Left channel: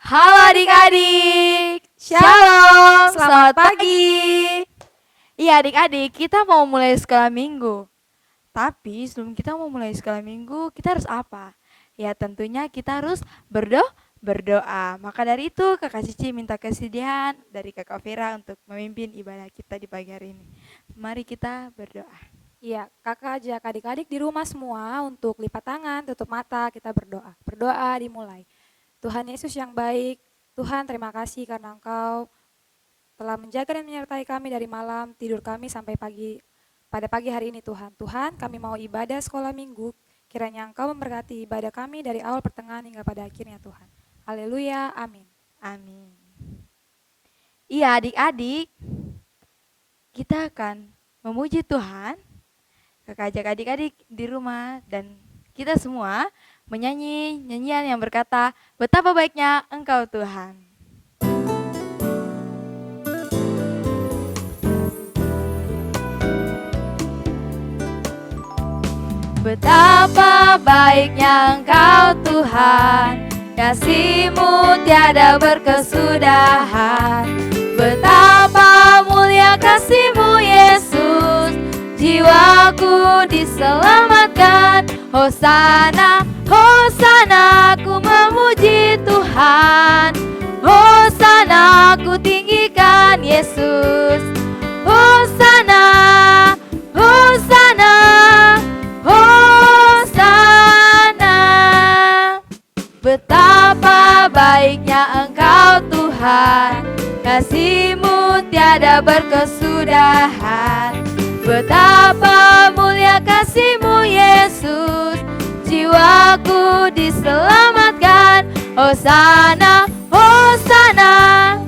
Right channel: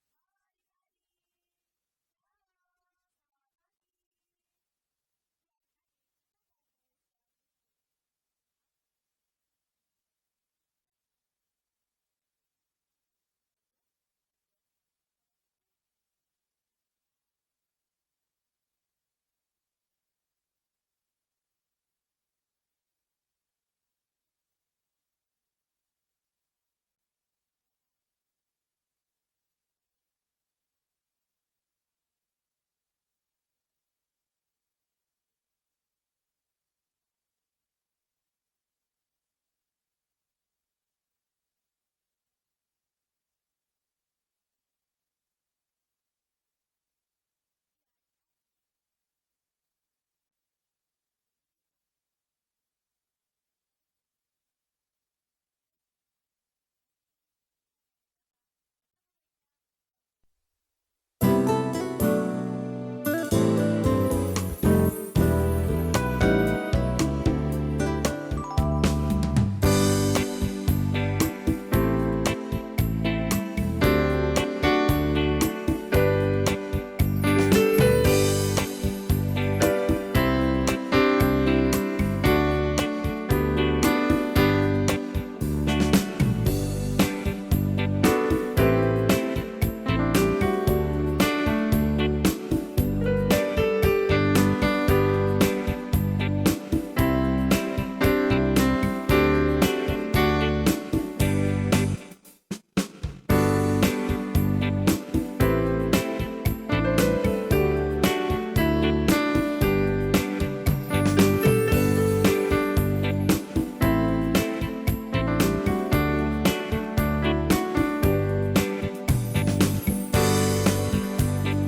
Halo adik-adik, Shalom, selamat pagi. Iya adik-adik, kita mau mulai sekolah minggu. Tapi sebelum kita mau mulai sekolah minggu, kita harus apa? Ya tentunya kita harus berdoa. Maka dari itu Kakak Cici minta kesediaan dari Kakak Vera untuk memimpin ibadah kita di pagi hari ini. Mari kita berdoa. Iya, kakak ajak adik-adik di rumah semua untuk lipat tangan, tutup mata, kita berdoa. Berdoa dimulai. Tuhan Yesus yang baik, Tuhan terima kasih karena Engkau telah menjaga dan menyertai kami dari malam tidur kami sampai pada pagi hari ini Tuhan. Tuhan, kami mau ibadah sekolah minggu, kiranya Engkau memberkati ibadah kami dari awal pertengahan hingga pada akhirnya Tuhan. Haleluya, amin. Amin. Iya adik-adik, kita akan memuji Tuhan. Kakak ajak adik-adik di rumah dan kita semua menyanyi nyanyian yang berkata, betapa baiknya Engkau Tuhan. Betapa baiknya Engkau Tuhan, kasih-Mu tiada berkesudahan. Betapa mulia kasih-Mu Yesus, jiwaku diselamatkan. Hosana, Hosana, ku memuji Tuhan. Hosana, ku tinggikan Yesus. Hosana, Hosana, Hosana. Betapa baiknya Engkau Tuhan, kasih-Mu tiada berkesudahan. Betapa mulia kasih-Mu Yesus, jiwaku diselamatkan. Hosana, Hosana,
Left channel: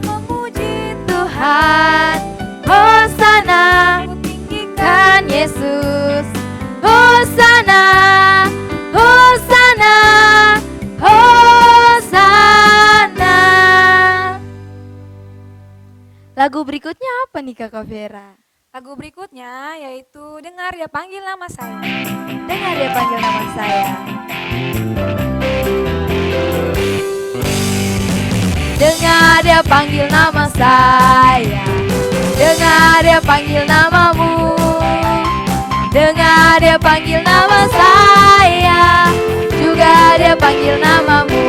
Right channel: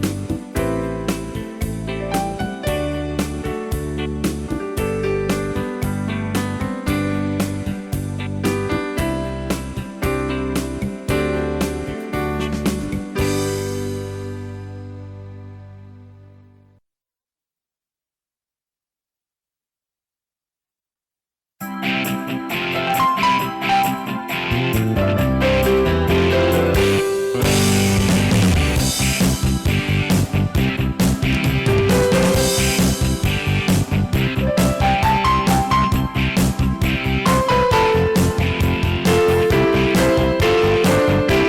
memuji Tuhan. Hosana, tinggikan Yesus. Hosana, Hosana, Hosana. Lagu berikutnya apa nih Kakak Vera? Lagu berikutnya yaitu Dengar Dia Panggil Nama Saya. Dengar dia panggil nama saya. Dengar dia panggil nama saya. Dengar dia panggil namamu. Dengar dia panggil nama saya. Juga dia panggil namamu.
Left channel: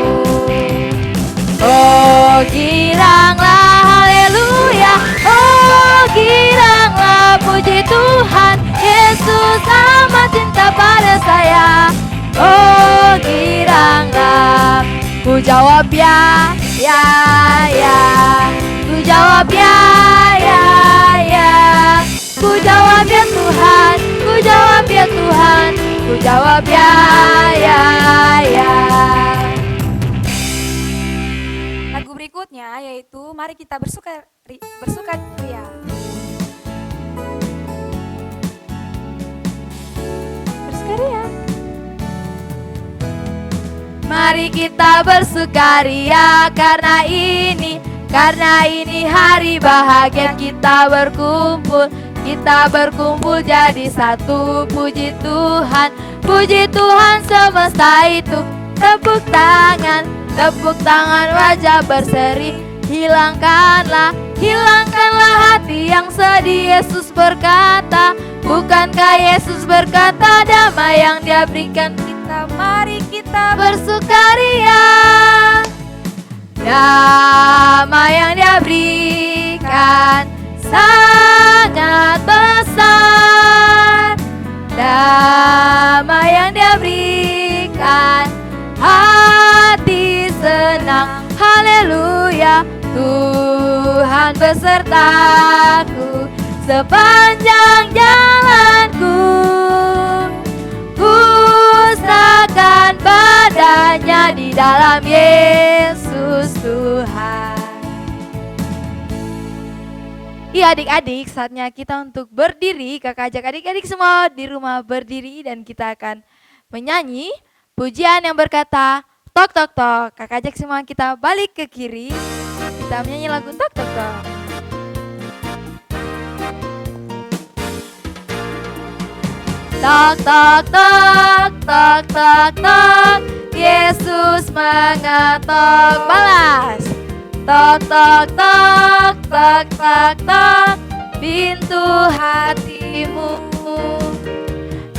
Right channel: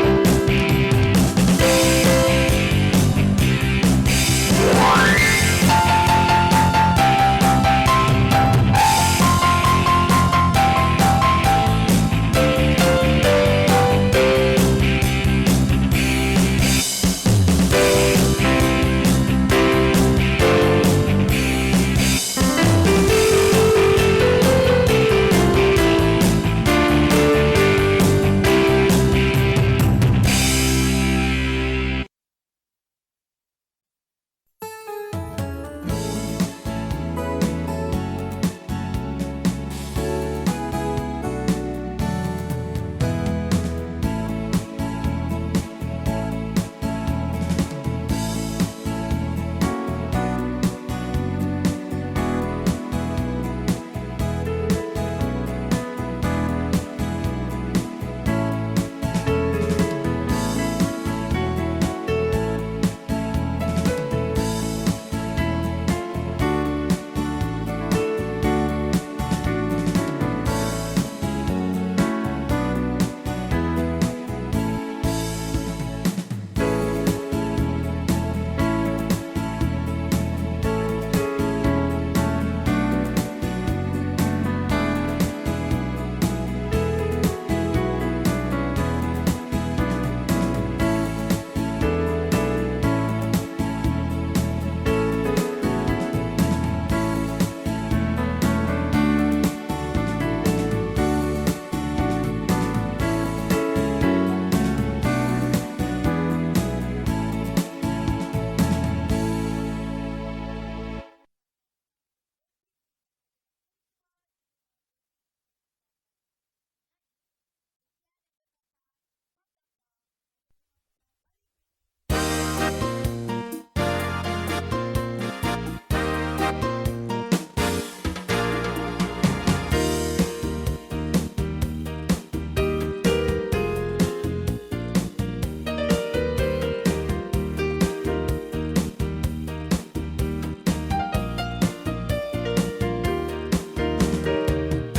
Oh giranglah haleluya. Oh giranglah puji Tuhan. Yesus amat cinta pada saya. Oh giranglah. Ku jawab ya, ya, ya. Ku jawab ya, ya, ya. Ku jawab ya Tuhan. Ku jawab ya Tuhan. Ku jawab ya, ya, ya. Lagu berikutnya yaitu Mari Kita Bersukaria. Bersukaria. Mari kita bersukaria karena ini hari bahagia. Kita berkumpul jadi satu. Puji Tuhan semesta itu. Tepuk tangan wajah berseri. Hilangkanlah hati yang sedih. Yesus berkata, bukankah Yesus berkata damai yang Dia berikan kita? Mari kita bersukaria. Damai yang Dia berikan sangat besar. Damai yang Dia berikan, hati senang. Haleluya, Tuhan besertaku sepanjang jalanku. Ku serahkan badannya di dalam Yesus Tuhan. Iya adik-adik, saatnya kita untuk berdiri. Kakak ajak adik-adik semua di rumah berdiri dan kita akan menyanyi pujian yang berkata tok tok tok. Kakak ajak semua kita balik ke kiri. Kita menyanyi lagu tok tok tok. Tok tok tok tok tok tok. Yesus mengetok. Balas. tok tok tok tok tok pintu hatimu.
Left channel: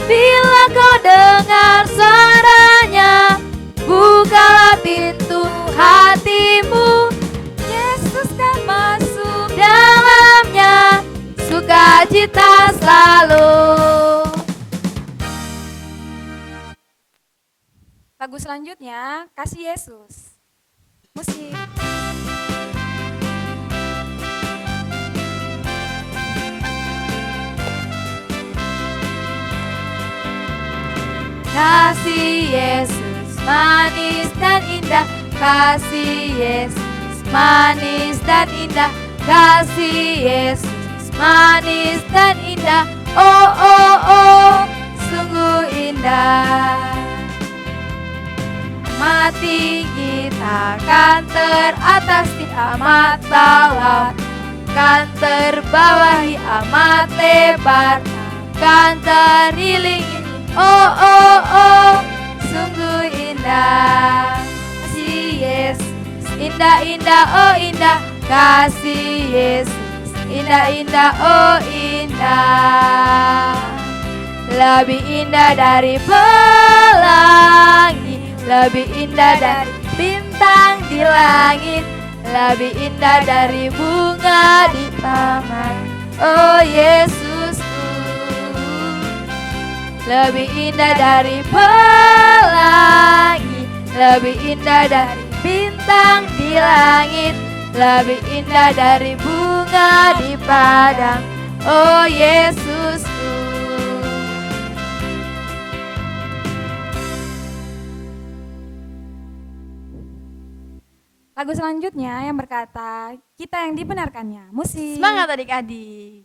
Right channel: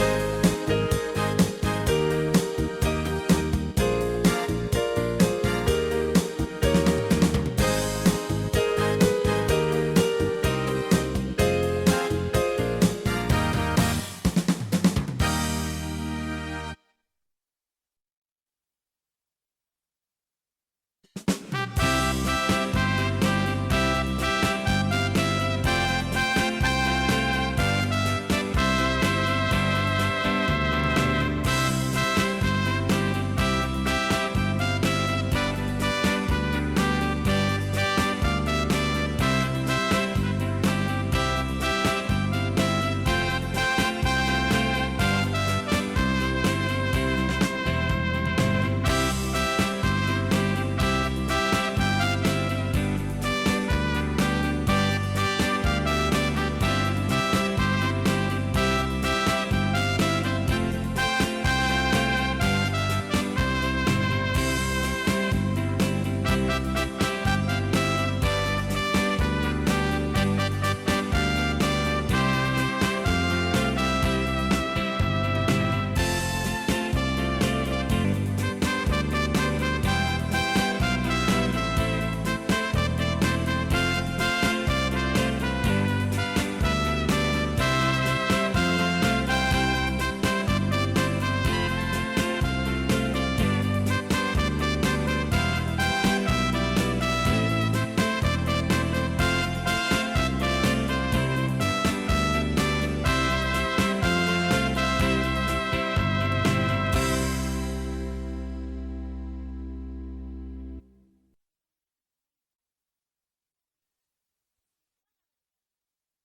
Bila kau dengar suaranya, bukalah pintu hatimu. Yesus kan masuk dalamnya, sukacita selalu. Lagu selanjutnya, Kasih Yesus. Musik. Kasih Yesus manis dan indah, kasih Yesus manis dan indah, kasih Yesus manis dan indah. Oh oh oh, sungguh indah. Mati kita kan teratas, kita amat dalam, kan terbawahi amat lebar, kan teriling. Oh oh oh, sungguh indah. Kasih Yesus indah indah, oh indah. Kasih Yesus indah indah, oh indah. Lebih indah dari pelangi, lebih indah dari bintang di langit, lebih indah dari bunga di taman. Oh Yesus, lebih indah dari pelangi, lebih indah dari bintang di langit, lebih indah dari bunga di padang. Oh Yesus. Lagu selanjutnya yang berkata, Kita yang dibenarkannya. Musik. Semangat adik-adik.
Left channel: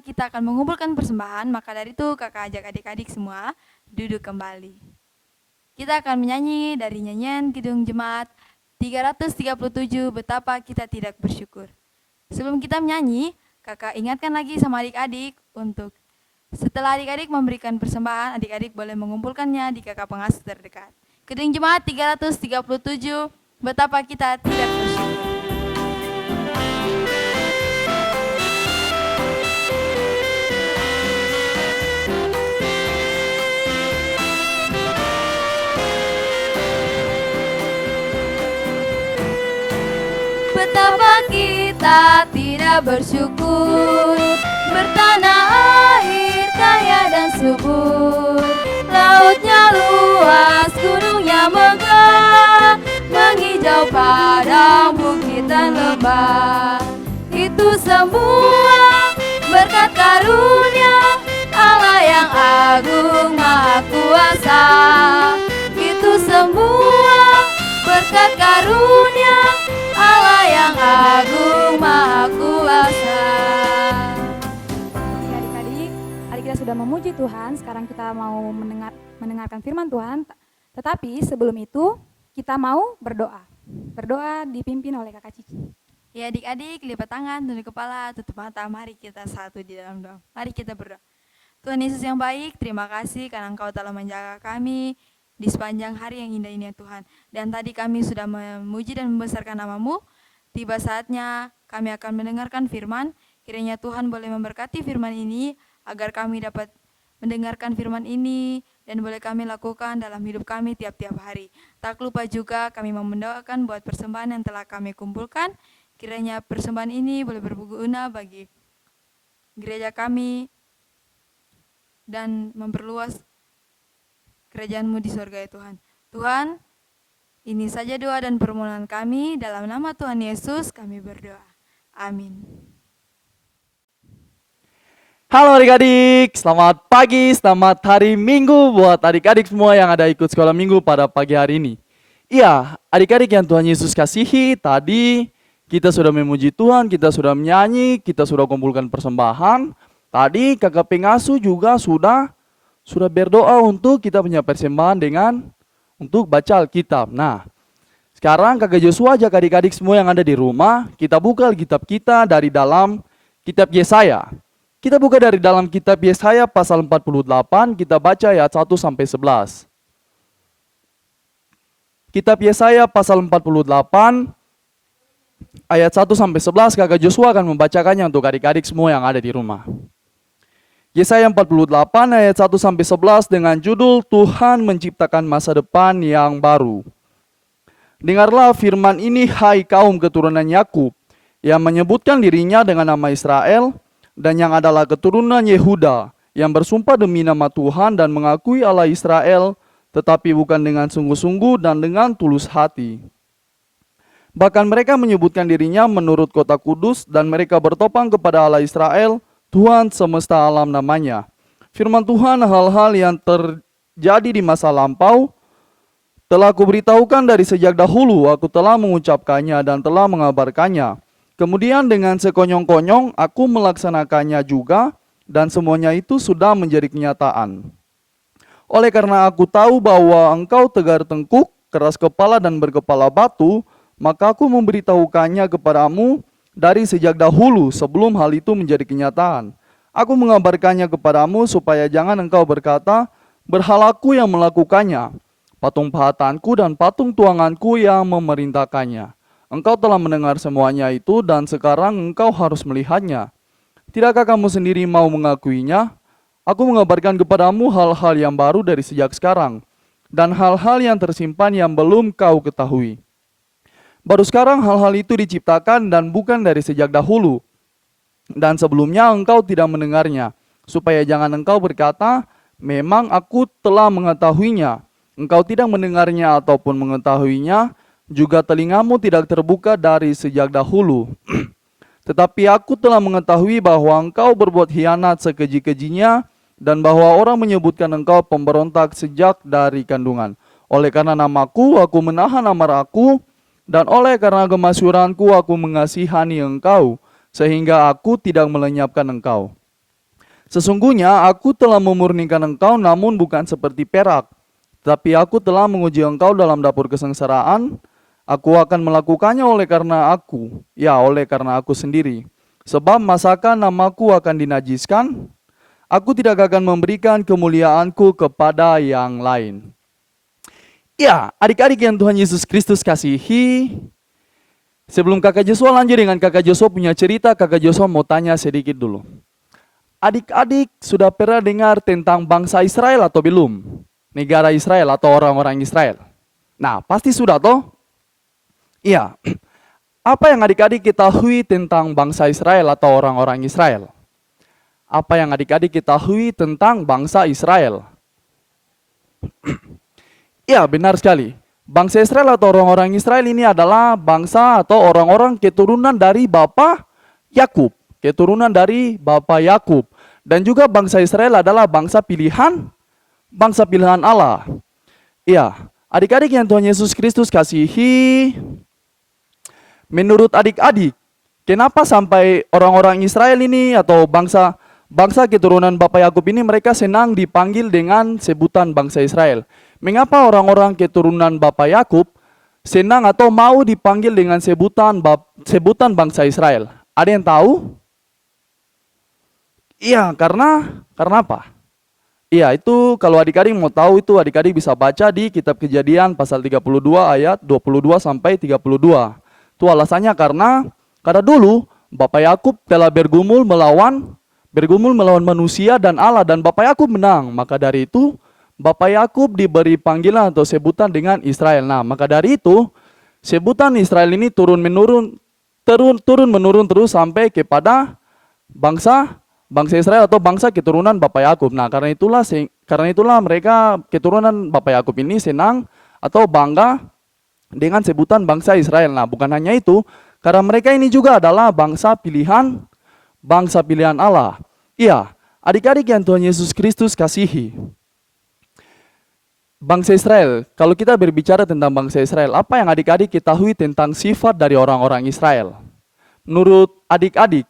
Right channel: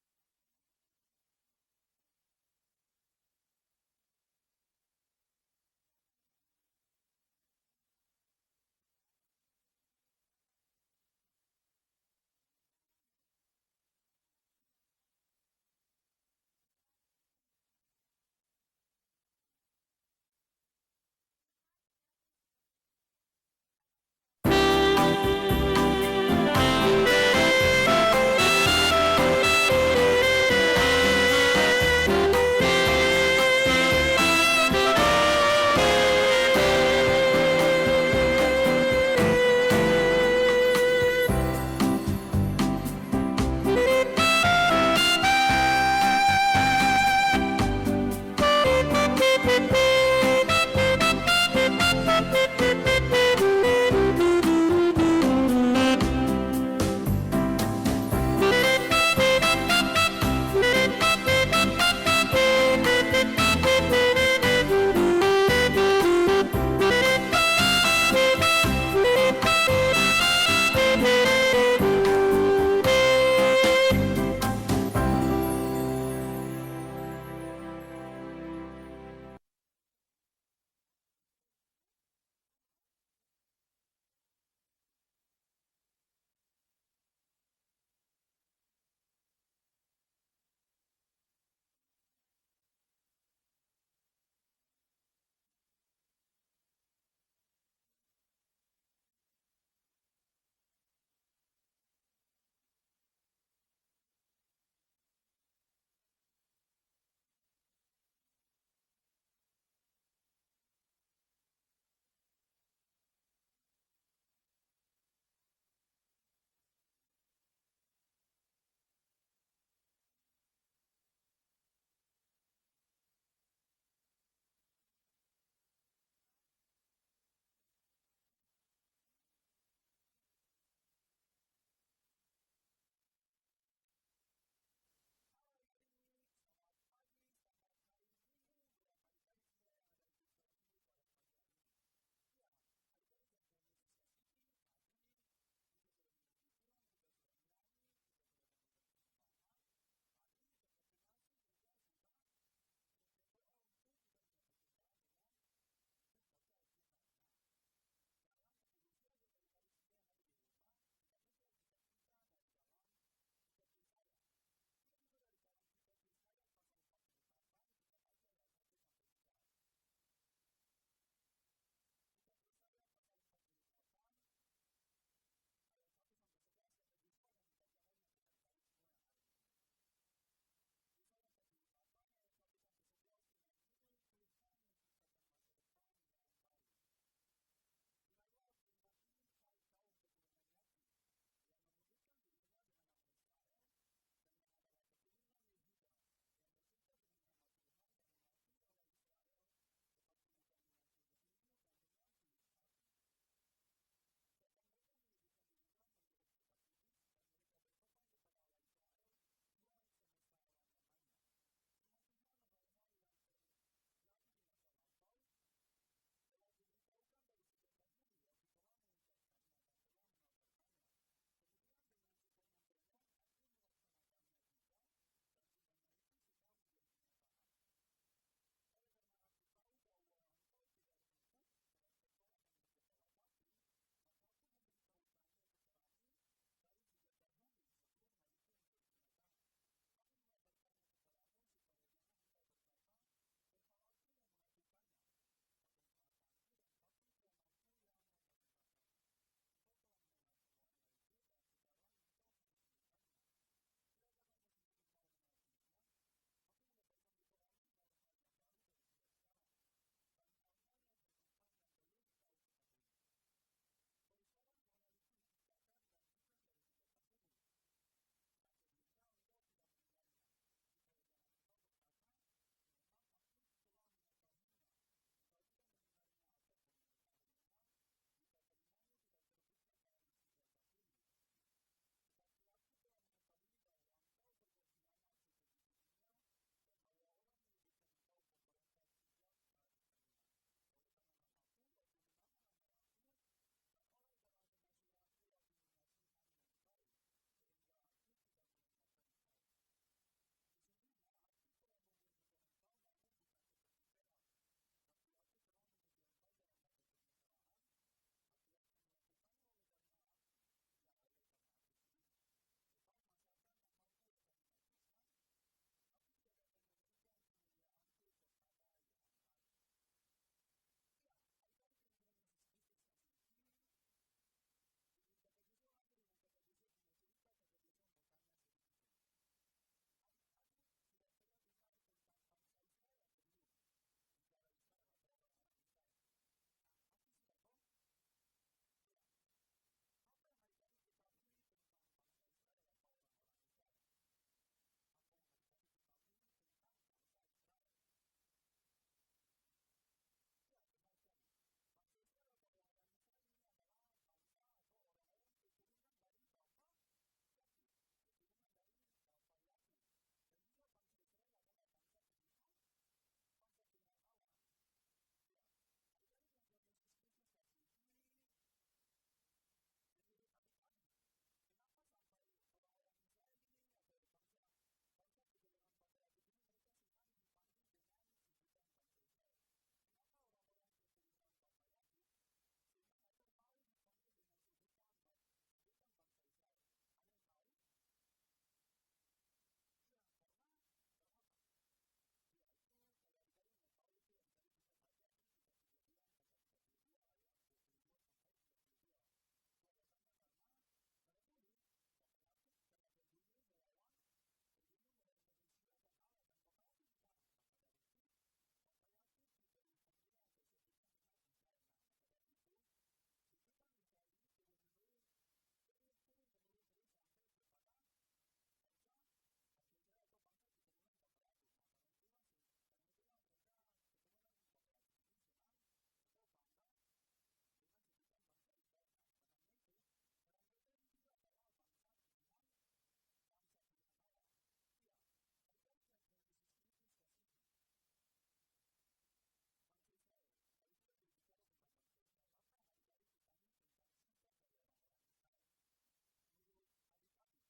Kita akan mengumpulkan persembahan, maka dari itu kakak ajak adik-adik semua duduk kembali. Kita akan menyanyi dari nyanyian Kidung Jemaat 337, Betapa Kita Tidak Bersyukur. Sebelum kita menyanyi, kakak ingatkan lagi sama adik-adik untuk setelah adik-adik memberikan persembahan, adik-adik boleh mengumpulkannya di kakak pengasuh terdekat. Kidung Jemaat 337, Betapa Kita Tidak Bersyukur. Bersyukur bertanah air kaya dan subur, lautnya luas, gunungnya megah, menghijau padang bukit dan lembah. Itu semua berkat karunia Allah yang agung maha kuasa. Itu semua berkat karunia Allah yang agung maha kuasa. Memuji Tuhan, sekarang kita mau mendengarkan firman Tuhan. Tetapi sebelum itu kita mau berdoa. Berdoa dipimpin oleh Kakak Cici. Ya adik-adik, lipat tangan, tunduk kepala, tutup mata. Mari kita satu di dalam doa. Mari kita berdoa. Tuhan Yesus yang baik, terima kasih karena Engkau telah menjaga kami di sepanjang hari yang indah ini ya Tuhan. Dan tadi kami sudah memuji dan membesarkan nama-Mu. Tiba saatnya kami akan mendengarkan firman. Kiranya Tuhan boleh memberkati firman ini agar kami dapat mendengarkan firman ini dan boleh kami lakukan dalam hidup kami tiap-tiap hari. Tak lupa juga kami mau mendoakan buat persembahan yang telah kami kumpulkan. Kiranya persembahan ini boleh berguna bagi gereja kami dan memperluas kerajaan-Mu di surga ya Tuhan. Tuhan, ini saja doa dan permohonan kami. Dalam nama Tuhan Yesus kami berdoa. Amin. Halo adik-adik, selamat pagi, selamat hari Minggu buat adik-adik semua yang ada ikut sekolah minggu pada pagi hari ini. Iya, adik-adik yang Tuhan Yesus kasihi, tadi kita sudah memuji Tuhan, kita sudah menyanyi, kita sudah kumpulkan persembahan. Tadi kakak pengasuh juga sudah berdoa untuk kita punya persembahan untuk baca Alkitab. Nah, sekarang kakak Joshua ajak adik-adik semua yang ada di rumah, kita buka Alkitab kita dari dalam kitab Yesaya. Kita buka dari dalam kitab Yesaya pasal 48, kita baca ayat 1 sampai 11. Kitab Yesaya pasal 48 ayat 1 sampai 11, kakak Joshua akan membacakannya untuk adik-adik semua yang ada di rumah. Yesaya 48 ayat 1 sampai 11 dengan judul Tuhan menciptakan masa depan yang baru. Dengarlah firman ini hai kaum keturunan Yakub yang menyebutkan dirinya dengan nama Israel, dan yang adalah keturunan Yehuda, yang bersumpah demi nama Tuhan dan mengakui Allah Israel, tetapi bukan dengan sungguh-sungguh dan dengan tulus hati. Bahkan mereka menyebutkan dirinya menurut kota kudus, dan mereka bertopang kepada Allah Israel, Tuhan semesta alam namanya. Firman Tuhan hal-hal yang terjadi di masa lampau, telah kuberitahukan dari sejak dahulu, aku telah mengucapkannya dan telah mengabarkannya. Kemudian dengan sekonyong-konyong aku melaksanakannya juga, dan semuanya itu sudah menjadi kenyataan. Oleh karena aku tahu bahwa engkau tegar tengkuk, keras kepala dan berkepala batu, maka aku memberitahukannya kepadamu dari sejak dahulu sebelum hal itu menjadi kenyataan. Aku mengabarkannya kepadamu supaya jangan engkau berkata, berhalaku yang melakukannya, patung pahatanku dan patung tuanganku yang memerintahkannya. Engkau telah mendengar semuanya itu dan sekarang engkau harus melihatnya. Tidakkah kamu sendiri mau mengakuinya? Aku mengabarkan kepadamu hal-hal yang baru dari sejak sekarang, dan hal-hal yang tersimpan yang belum kau ketahui. Baru sekarang hal-hal itu diciptakan dan bukan dari sejak dahulu. Dan sebelumnya engkau tidak mendengarnya, supaya jangan engkau berkata, memang aku telah mengetahuinya. Engkau tidak mendengarnya ataupun mengetahuinya, juga telingamu tidak terbuka dari sejak dahulu. Tetapi aku telah mengetahui bahwa engkau berbuat hianat sekeji-kejinya, dan bahwa orang menyebutkan engkau pemberontak sejak dari kandungan. Oleh karena namaku, aku menahan amarahku, dan oleh karena kemasyuranku, aku mengasihani engkau, sehingga aku tidak melenyapkan engkau. Sesungguhnya aku telah memurnikan engkau, namun bukan seperti perak. Tapi aku telah menguji engkau dalam dapur kesengsaraan. Aku akan melakukannya oleh karena aku sendiri. Sebab masakan namaku akan dinajiskan, aku tidak akan memberikan kemuliaanku kepada yang lain. Ya, adik-adik yang Tuhan Yesus Kristus kasihi, sebelum kakak Joshua lanjut dengan kakak Joshua punya cerita, kakak Joshua mau tanya sedikit dulu. Adik-adik sudah pernah dengar tentang bangsa Israel atau belum? Negara Israel atau orang-orang Israel? Nah, pasti sudah toh? Iya. Apa yang adik-adik ketahui tentang bangsa Israel atau orang-orang Israel? Apa yang adik-adik ketahui tentang bangsa Israel? Iya, benar sekali. Bangsa Israel atau orang-orang Israel ini adalah bangsa atau orang-orang keturunan dari Bapa Yakub. Keturunan dari Bapa Yakub. Dan juga bangsa Israel adalah bangsa pilihan Allah. Iya, adik-adik yang Tuhan Yesus Kristus kasihi, menurut adik-adik, kenapa sampai orang-orang Israel ini atau bangsa keturunan Bapa Yakub ini mereka senang dipanggil dengan sebutan bangsa Israel? Mengapa orang-orang keturunan Bapa Yakub senang atau mau dipanggil dengan sebutan bangsa Israel? Ada yang tahu? Iya, karena apa? Iya, itu kalau adik-adik mau tahu itu adik-adik bisa baca di kitab Kejadian pasal 32 ayat 22 sampai 32. Itu alasannya karena dulu Bapak Yakub telah bergumul melawan manusia dan Allah, dan Bapak Yakub menang. Maka dari itu Bapak Yakub diberi panggilan atau sebutan dengan Israel. Nah, maka dari itu sebutan Israel ini turun menurun terus sampai kepada bangsa Israel atau bangsa keturunan Bapak Yakub. Nah, karena itulah mereka keturunan Bapak Yakub ini senang atau bangga dengan sebutan bangsa Israel. Nah, bukan hanya itu, karena mereka ini juga adalah bangsa pilihan Allah. Iya, adik-adik yang Tuhan Yesus Kristus kasihi. Bangsa Israel, kalau kita berbicara tentang bangsa Israel, apa yang adik-adik ketahui tentang sifat dari orang-orang Israel? Menurut adik-adik,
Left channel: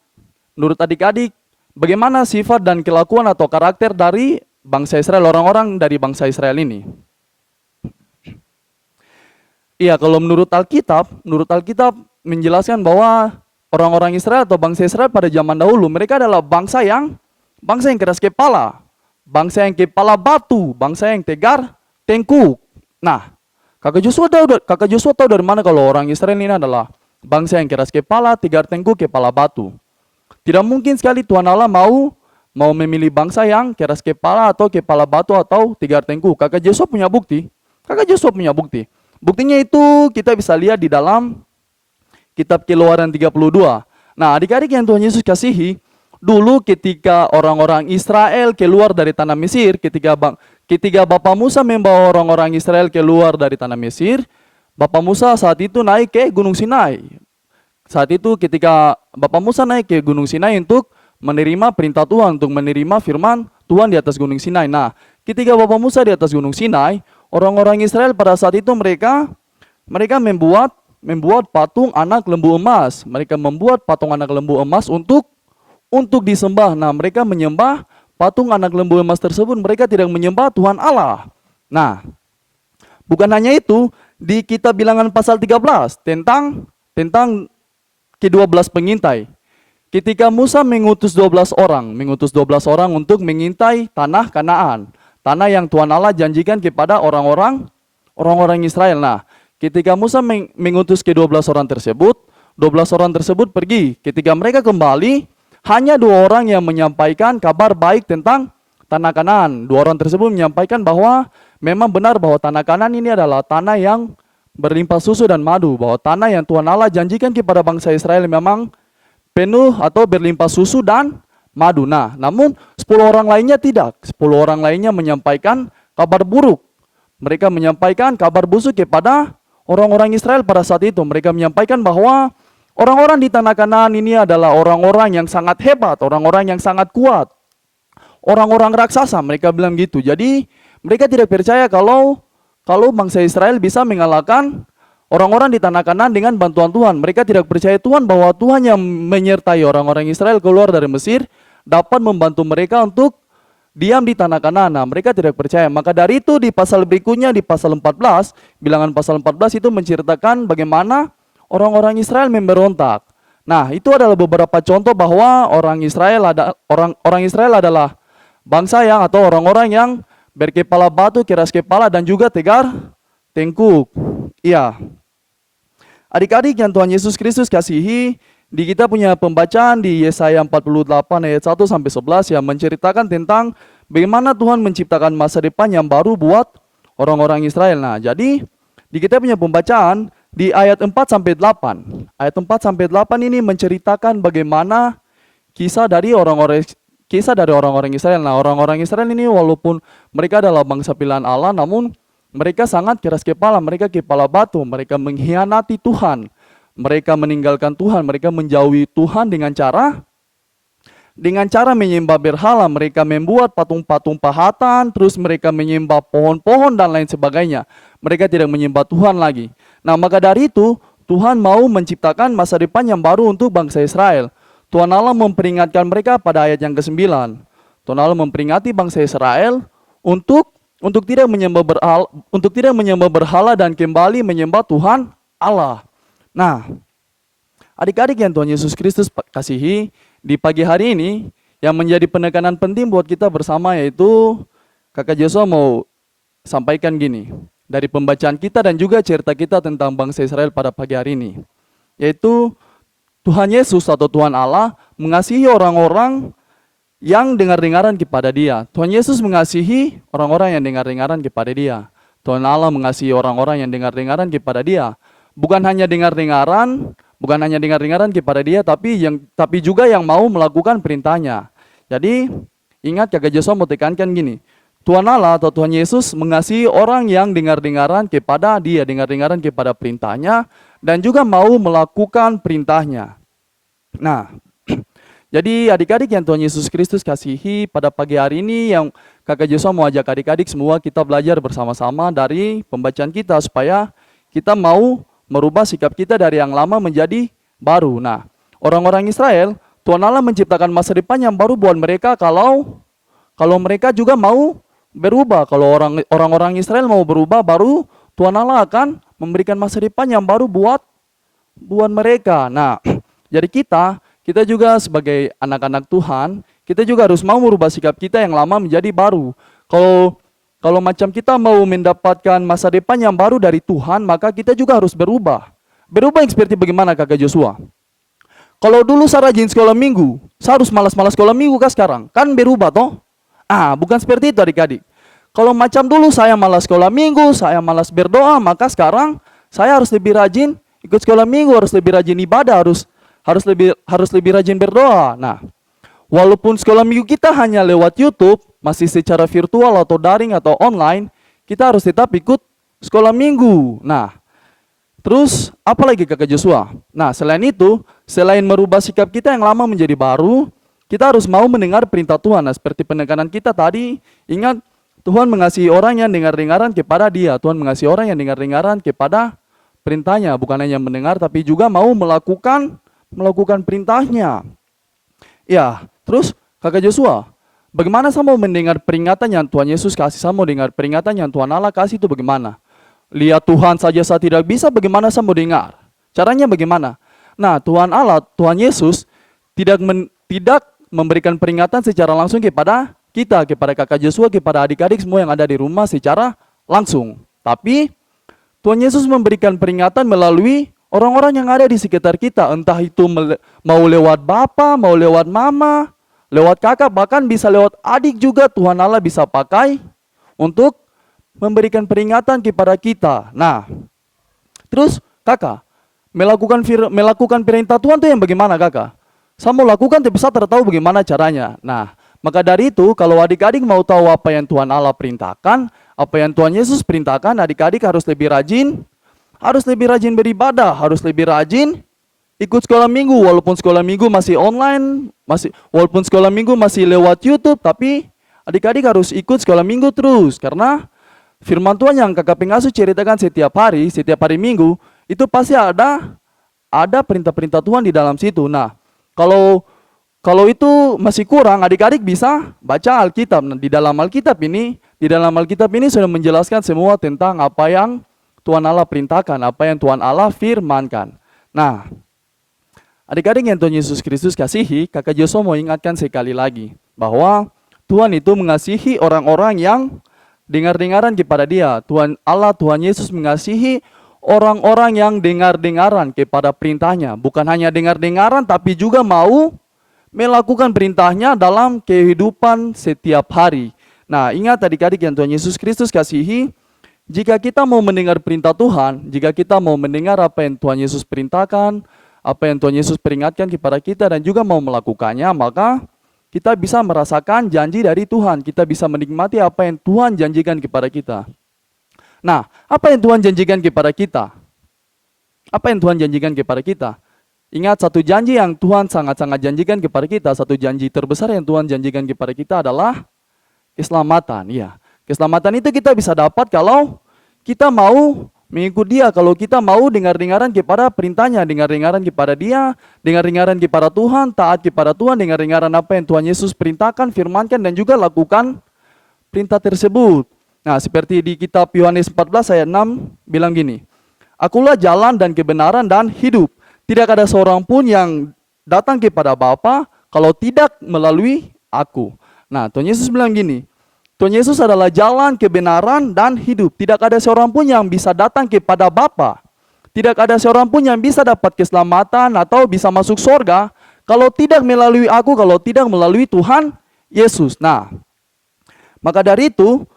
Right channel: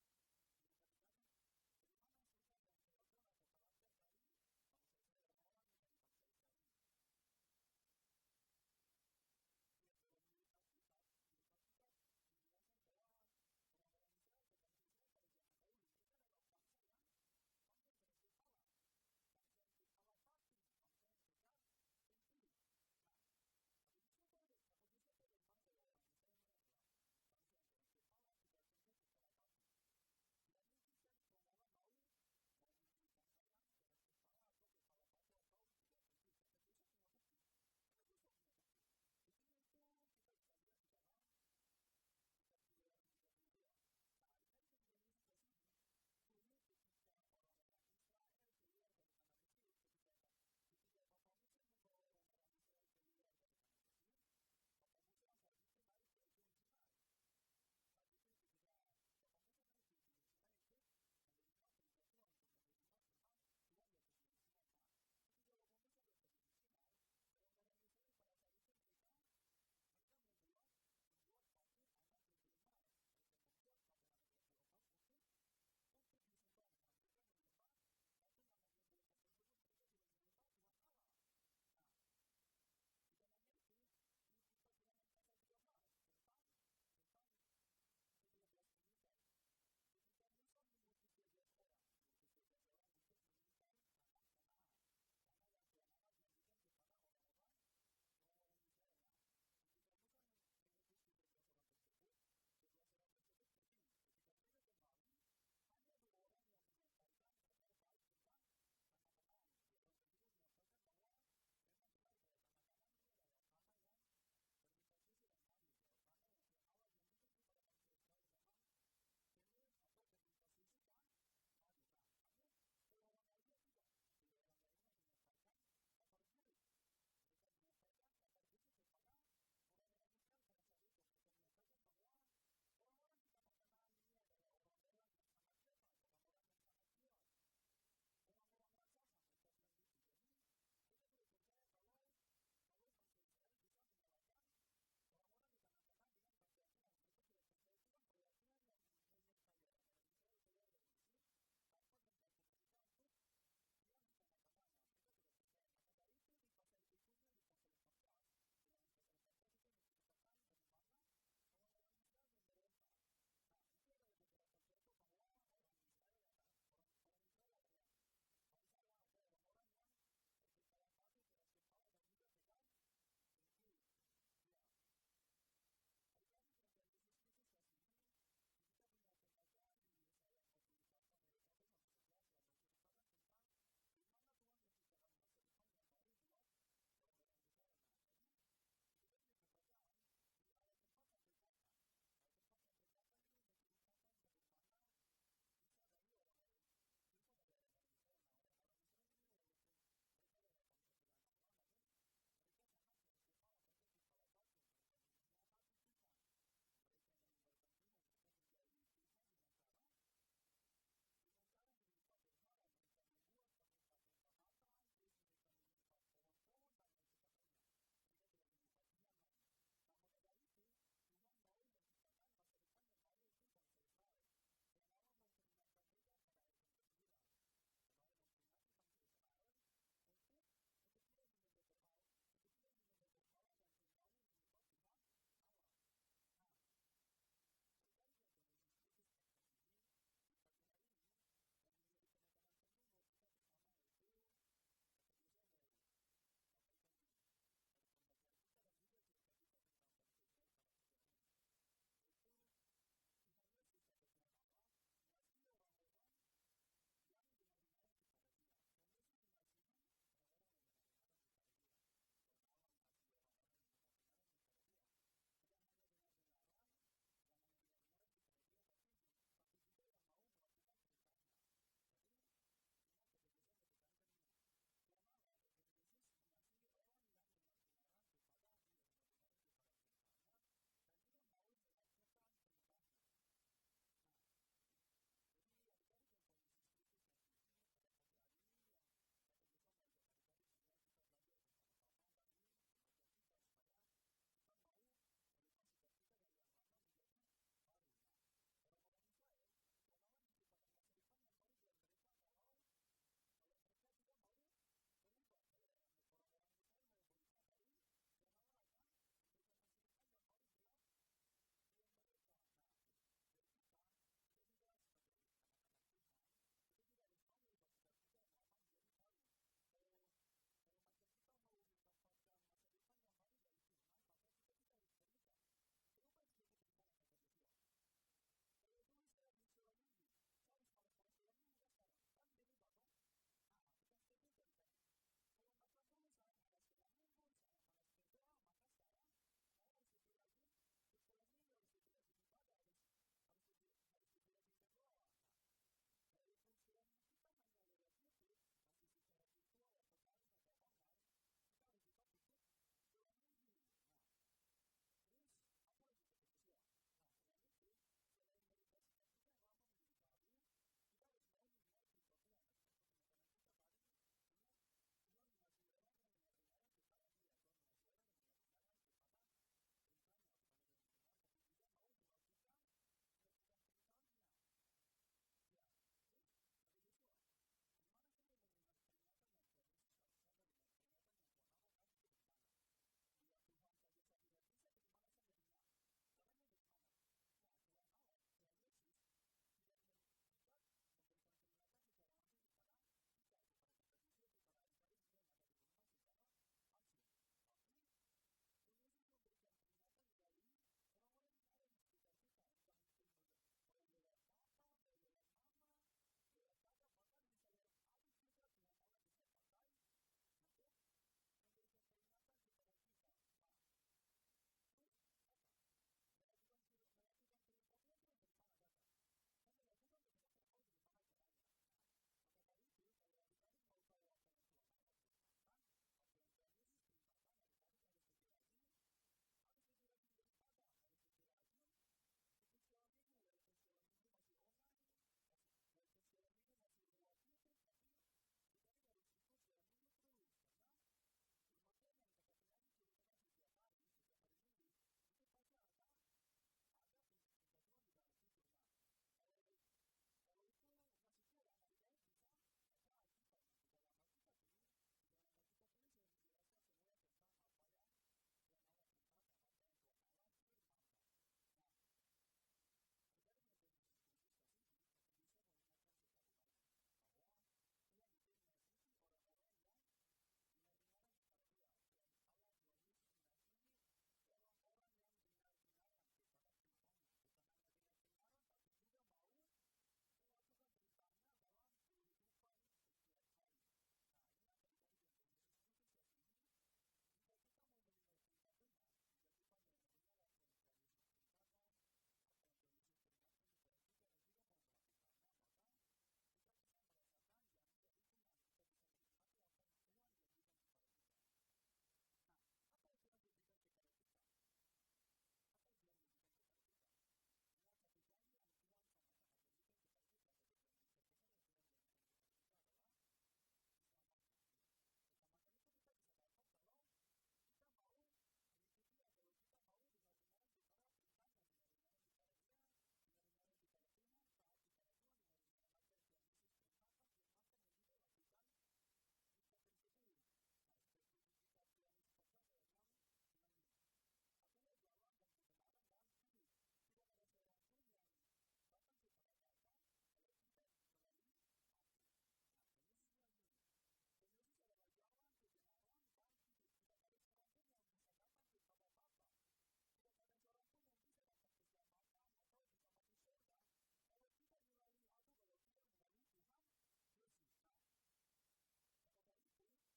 bagaimana sifat dan kelakuan atau karakter dari bangsa Israel, orang-orang dari bangsa Israel ini? Iya, kalau menurut Alkitab menjelaskan bahwa orang-orang Israel atau bangsa Israel pada zaman dahulu, mereka adalah bangsa yang keras kepala, bangsa yang kepala batu, bangsa yang tegar tengkuk. Nah, Kakak Joshua tahu dari mana kalau orang Israel ini adalah bangsa yang keras kepala, tegar tengkuk, kepala batu? Tidak mungkin sekali Tuhan Allah mau memilih bangsa yang keras kepala atau kepala batu atau tegar tengkuk. Kakak Joshua punya bukti. Buktinya itu kita bisa lihat di dalam kitab Keluaran 32. Nah, adik-adik yang Tuhan Yesus kasihi, dulu ketika orang-orang Israel keluar dari tanah Mesir, ketika Bapak Musa membawa orang-orang Israel keluar dari tanah Mesir, Bapak Musa saat itu naik ke Gunung Sinai. Saat itu ketika Bapak Musa naik ke Gunung Sinai untuk menerima perintah Tuhan, untuk menerima firman Tuhan di atas Gunung Sinai. Nah, ketika Bapak Musa di atas Gunung Sinai, orang-orang Israel pada saat itu mereka membuat patung anak lembu emas. Mereka membuat patung anak lembu emas untuk disembah. Nah, mereka menyembah patung anak lembu emas tersebut, mereka tidak menyembah Tuhan Allah. Nah, bukan hanya itu, di kitab Bilangan pasal 13 tentang ke-12 pengintai. Ketika Musa mengutus 12 orang untuk mengintai tanah Kanaan, tanah yang Tuhan Allah janjikan kepada orang-orang Israel. Nah, ketika Musa mengutus ke-12 orang tersebut, 12 orang tersebut pergi. Ketika mereka kembali, hanya 2 orang yang menyampaikan kabar baik tentang tanah Kanaan. 2 orang tersebut menyampaikan bahwa memang benar bahwa tanah Kanaan ini adalah tanah yang berlimpah susu dan madu, bahwa tanah yang Tuhan Allah janjikan kepada bangsa Israel memang penuh atau berlimpah susu dan madu. Nah, namun 10 orang lainnya tidak. 10 orang lainnya menyampaikan kabar buruk. Mereka menyampaikan kabar busuk kepada orang-orang Israel pada saat itu. Mereka menyampaikan bahwa orang-orang di tanah Kanaan ini adalah orang-orang yang sangat hebat, orang-orang yang sangat kuat, orang-orang raksasa. Mereka bilang gitu. Jadi mereka tidak percaya kalau bangsa Israel bisa mengalahkan orang-orang di tanah Kanaan dengan bantuan Tuhan. Mereka tidak percaya Tuhan bahwa Tuhan yang menyertai orang-orang Israel keluar dari Mesir dapat membantu mereka untuk diam di tanah Kanaan. Nah, mereka tidak percaya. Maka dari itu di pasal berikutnya, di pasal 14, Bilangan pasal 14 itu menceritakan bagaimana orang-orang Israel memberontak. Nah, itu adalah beberapa contoh bahwa orang Israel adalah bangsa yang atau orang-orang yang berkepala batu, keras kepala, dan juga tegar tengkuk. Iya. Adik-adik yang Tuhan Yesus Kristus kasihi, di kita punya pembacaan di Yesaya 48 ayat 1 sampai 11 yang menceritakan tentang bagaimana Tuhan menciptakan masa depan yang baru buat orang-orang Israel. Nah, jadi di kita punya pembacaan di ayat 4 sampai 8. Ayat 4 sampai 8 ini menceritakan bagaimana kisah dari orang-orang Israel. Nah, orang-orang Israel ini walaupun mereka adalah bangsa pilihan Allah, namun mereka sangat keras kepala, mereka kepala batu, mereka mengkhianati Tuhan. Mereka meninggalkan Tuhan, mereka menjauhi Tuhan dengan cara menyembah berhala. Mereka membuat patung-patung pahatan, terus mereka menyembah pohon-pohon dan lain sebagainya. Mereka tidak menyembah Tuhan lagi. Nah, maka dari itu Tuhan mau menciptakan masa depan yang baru untuk bangsa Israel. Tuhan Allah memperingatkan mereka pada ayat yang ke-9. Tuhan Allah memperingati bangsa Israel untuk untuk tidak menyembah berhala dan kembali menyembah Tuhan Allah. Nah, adik-adik yang Tuhan Yesus Kristus kasihi, di pagi hari ini yang menjadi penekanan penting buat kita bersama yaitu Kakak Joshua mau sampaikan gini, dari pembacaan kita dan juga cerita kita tentang bangsa Israel pada pagi hari ini, yaitu Tuhan Yesus atau Tuhan Allah mengasihi orang-orang yang dengar-dengaran kepada Dia. Tuhan Yesus mengasihi orang-orang yang dengar-dengaran kepada Dia. Tuhan Allah mengasihi orang-orang yang dengar-dengaran kepada Dia. Bukan hanya dengar-dengaran kepada Dia, tapi juga yang mau melakukan perintahnya. Jadi ingat, Kakak Joshua mau tekankan gini, Tuhan Allah atau Tuhan Yesus mengasihi orang yang dengar-dengaran kepada Dia, dengar-dengaran kepada perintahnya, dan juga mau melakukan perintahnya. Nah, jadi adik-adik yang Tuhan Yesus Kristus kasihi, pada pagi hari ini yang Kakak Joshua mau ajak adik-adik semua kita belajar bersama-sama dari pembacaan kita supaya kita mau merubah sikap kita dari yang lama menjadi baru. Nah, orang-orang Israel, Tuhan Allah menciptakan masa depan yang baru buat mereka kalau mereka juga mau berubah. Kalau orang-orang Israel mau berubah, baru Tuhan Allah akan memberikan masa depan yang baru buat mereka. Nah, jadi kita juga sebagai anak-anak Tuhan, kita juga harus mau merubah sikap kita yang lama menjadi baru. Kalau macam kita mau mendapatkan masa depan yang baru dari Tuhan, maka kita juga harus berubah. Berubah yang seperti bagaimana, Kakak Joshua? Kalau dulu saya rajin sekolah minggu, saya harus malas-malas sekolah minggu kah sekarang? Kan berubah toh? Bukan seperti itu adik-adik. Kalau macam dulu saya malas sekolah minggu, saya malas berdoa, maka sekarang saya harus lebih rajin ikut sekolah minggu, harus lebih rajin ibadah, harus lebih rajin berdoa. Nah, walaupun sekolah minggu kita hanya lewat YouTube, masih secara virtual atau daring atau online, kita harus tetap ikut sekolah minggu. Nah, terus apa lagi, Kakak Joshua? Nah, selain itu, selain merubah sikap kita yang lama menjadi baru, kita harus mau mendengar perintah Tuhan. Nah, seperti penekanan kita tadi, ingat Tuhan mengasihi orang yang dengar-dengaran kepada Dia. Tuhan mengasihi orang yang dengar-dengaran kepada perintahnya, bukan hanya mendengar tapi juga mau melakukan perintahnya. Ya, terus Kakak Joshua, bagaimana saya mau mendengar peringatan yang Tuhan Yesus kasih? Saya mau dengar peringatan yang Tuhan Allah kasih itu bagaimana? Lihat Tuhan saja saya tidak bisa, bagaimana saya mau dengar? Caranya bagaimana? Nah, Tuhan Allah, Tuhan Yesus tidak memberikan peringatan secara langsung kepada kita, kepada Kakak Joshua, kepada adik-adik semua yang ada di rumah secara langsung. Tapi Tuhan Yesus memberikan peringatan melalui orang-orang yang ada di sekitar kita, entah itu mau lewat bapa, mau lewat mama, lewat kakak, bahkan bisa lewat adik juga Tuhan Allah bisa pakai untuk memberikan peringatan kepada kita. Nah, terus kakak, melakukan perintah Tuhan itu yang bagaimana kakak? Saya mau lakukan tapi saya tidak tahu bagaimana caranya. Nah, maka dari itu kalau adik-adik mau tahu apa yang Tuhan Allah perintahkan, apa yang Tuhan Yesus perintahkan, adik-adik harus lebih rajin beribadah, harus lebih rajin ikut sekolah minggu, walaupun sekolah minggu masih online, walaupun sekolah minggu masih lewat YouTube, tapi adik-adik harus ikut sekolah minggu terus, karena firman Tuhan yang Kakak Pengasuh ceritakan setiap hari minggu, itu pasti ada perintah-perintah Tuhan di dalam situ. Nah, kalau itu masih kurang, adik-adik bisa baca Alkitab. Nah, di dalam Alkitab ini sudah menjelaskan semua tentang apa yang Tuhan Allah perintahkan, apa yang Tuhan Allah firmankan. Nah, adik-adik yang Tuhan Yesus Kristus kasihi, Kakak Joshua mau ingatkan sekali lagi bahwa Tuhan itu mengasihi orang-orang yang dengar-dengaran kepada Dia. Tuhan Allah, Tuhan Yesus mengasihi orang-orang yang dengar-dengaran kepada perintahnya. Bukan hanya dengar-dengaran tapi juga mau melakukan perintahnya dalam kehidupan setiap hari. Nah, ingat adik-adik yang Tuhan Yesus Kristus kasihi, jika kita mau mendengar perintah Tuhan, jika kita mau mendengar apa yang Tuhan Yesus perintahkan, apa yang Tuhan Yesus peringatkan kepada kita dan juga mau melakukannya, maka kita bisa merasakan janji dari Tuhan. Kita bisa menikmati apa yang Tuhan janjikan kepada kita. Nah, apa yang Tuhan janjikan kepada kita? Apa yang Tuhan janjikan kepada kita? Ingat, satu janji yang Tuhan sangat-sangat janjikan kepada kita, satu janji terbesar yang Tuhan janjikan kepada kita adalah keselamatan. Ya, keselamatan itu kita bisa dapat kalau kita mau mengikut Dia, kalau kita mau dengar-dengaran kepada perintahnya, dengar-dengaran kepada Dia, dengar-dengaran kepada Tuhan, taat kepada Tuhan, dengar-dengaran apa yang Tuhan Yesus perintahkan, firmankan, dan juga lakukan perintah tersebut. Nah, seperti di kitab Yohanes 14 ayat 6 bilang gini, Akulah jalan dan kebenaran dan hidup. Tidak ada seorang pun yang datang kepada Bapa kalau tidak melalui aku. Nah, Tuhan Yesus bilang gini, Tuhan Yesus adalah jalan, kebenaran, dan hidup. Tidak ada seorang pun yang bisa datang kepada Bapa. Tidak ada seorang pun yang bisa dapat keselamatan atau bisa masuk surga kalau tidak melalui aku, kalau tidak melalui Tuhan Yesus. Nah, maka dari itu,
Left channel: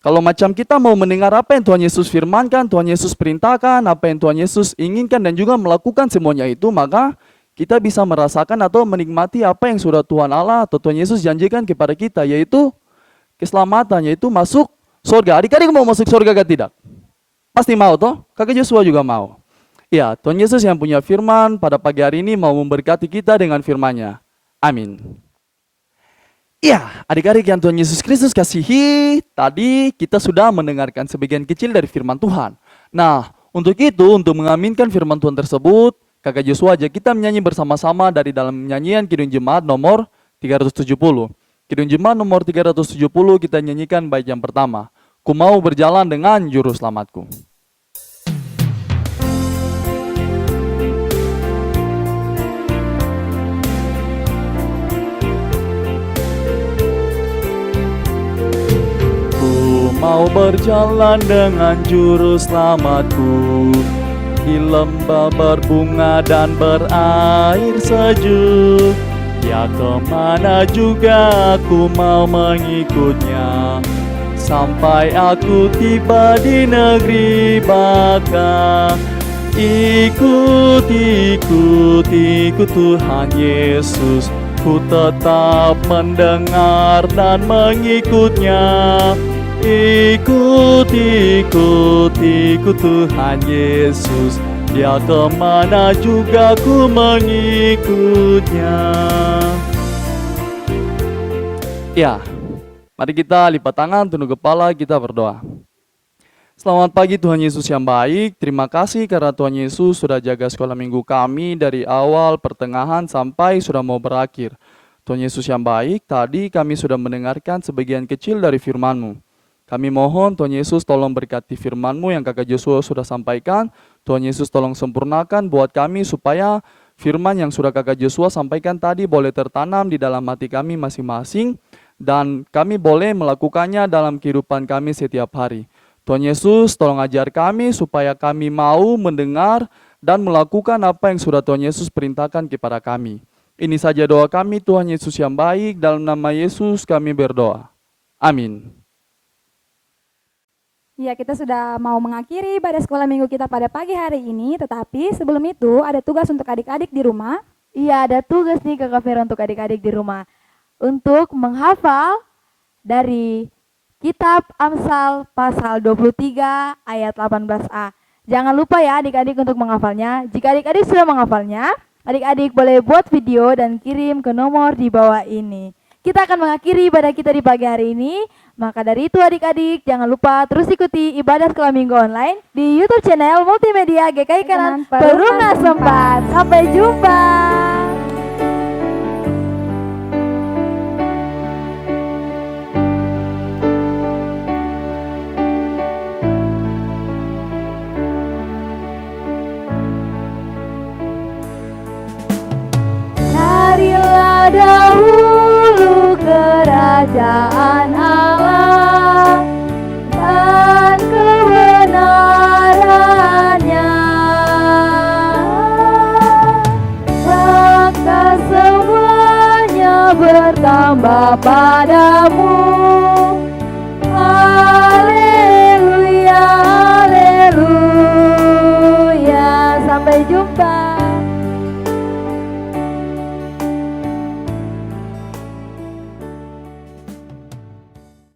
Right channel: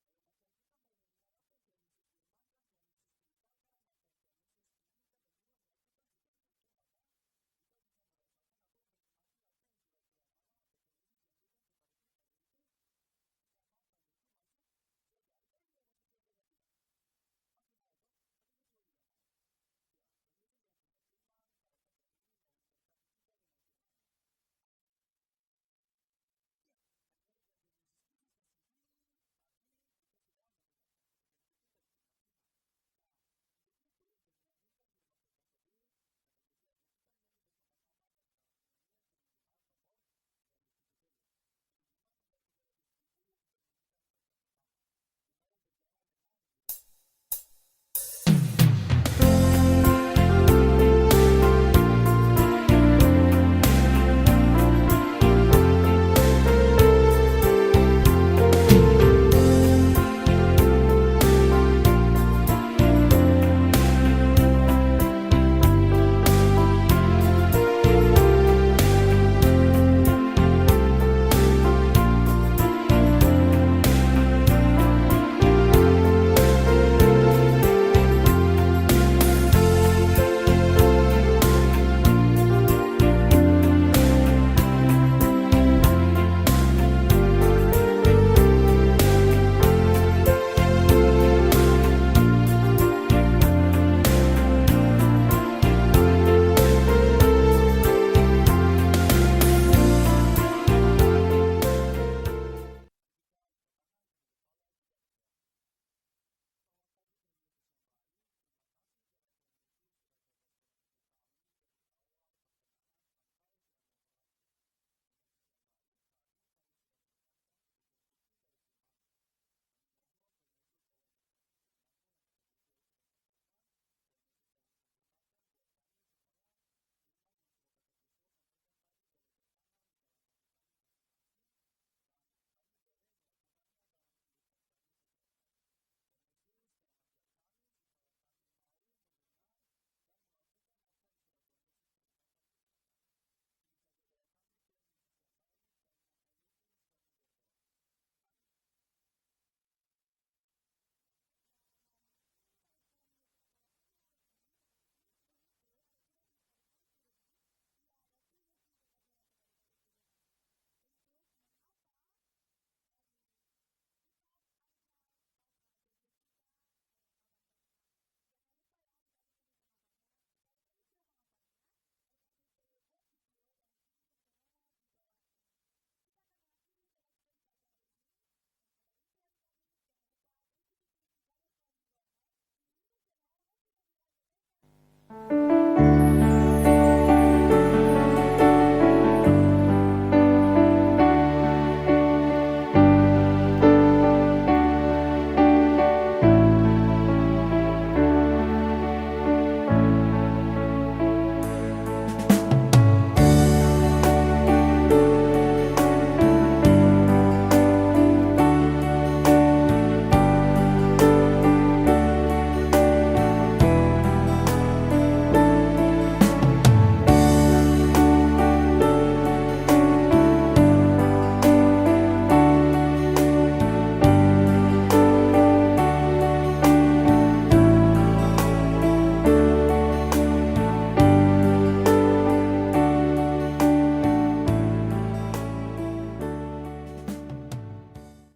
kalau macam kita mau mendengar apa yang Tuhan Yesus firmankan, Tuhan Yesus perintahkan, apa yang Tuhan Yesus inginkan dan juga melakukan semuanya itu, maka kita bisa merasakan atau menikmati apa yang sudah Tuhan Allah atau Tuhan Yesus janjikan kepada kita, yaitu keselamatan, yaitu masuk surga. Adik-adik mau masuk surga atau tidak? Pasti mau toh? Kakak Joshua juga mau. Ya, Tuhan Yesus yang punya firman pada pagi hari ini mau memberkati kita dengan firman-Nya. Amin. Ya, adik-adik yang Tuhan Yesus Kristus kasihi, tadi kita sudah mendengarkan sebagian kecil dari firman Tuhan. Nah, untuk itu, untuk mengaminkan firman Tuhan tersebut, Kakak Joshua ajak kita menyanyi bersama-sama dari dalam nyanyian Kidung Jemaat nomor 370. Kidung Jemaat nomor 370 kita nyanyikan bait yang pertama. Ku mau berjalan dengan juru selamatku. Mau berjalan dengan juru selamatku di lembah berbunga dan berair sejuk. Ya kemana juga aku mau mengikutnya, sampai aku tiba di negeri baka. Ikut, ikut, ikut Tuhan Yesus, ku tetap mendengar dan mengikutnya. Ikut, ikut, ikut Tuhan Yesus, dia kemana juga ku mengikutnya. Ya, mari kita lipat tangan, tunduk kepala, kita berdoa. Selamat pagi Tuhan Yesus yang baik, terima kasih karena Tuhan Yesus sudah jaga sekolah minggu kami dari awal, pertengahan, sampai sudah mau berakhir. Tuhan Yesus yang baik, tadi kami sudah mendengarkan sebagian kecil dari firman-Mu. Kami mohon Tuhan Yesus tolong berkati firman-Mu yang Kakak Joshua sudah sampaikan. Tuhan Yesus tolong sempurnakan buat kami supaya firman yang sudah Kakak Joshua sampaikan tadi boleh tertanam di dalam hati kami masing-masing. Dan kami boleh melakukannya dalam kehidupan kami setiap hari. Tuhan Yesus tolong ajar kami supaya kami mau mendengar dan melakukan apa yang sudah Tuhan Yesus perintahkan kepada kami. Ini saja doa kami Tuhan Yesus yang baik, dalam nama Yesus kami berdoa. Amin. Ya, kita sudah mau mengakhiri ibadah sekolah minggu kita pada pagi hari ini, tetapi sebelum itu ada tugas untuk adik-adik di rumah. Iya, ada tugas nih Kakak Vera untuk adik-adik di rumah. Untuk menghafal dari kitab Amsal pasal 23 ayat 18a. Jangan lupa ya adik-adik untuk menghafalnya. Jika adik-adik sudah menghafalnya, adik-adik boleh buat video dan kirim ke nomor di bawah ini. Kita akan mengakhiri ibadah kita di pagi hari ini. Maka dari itu adik-adik jangan lupa terus ikuti ibadah sekolah minggu online di YouTube channel Multimedia GKI Kanan Perumnas 4. Sampai jumpa. Bye.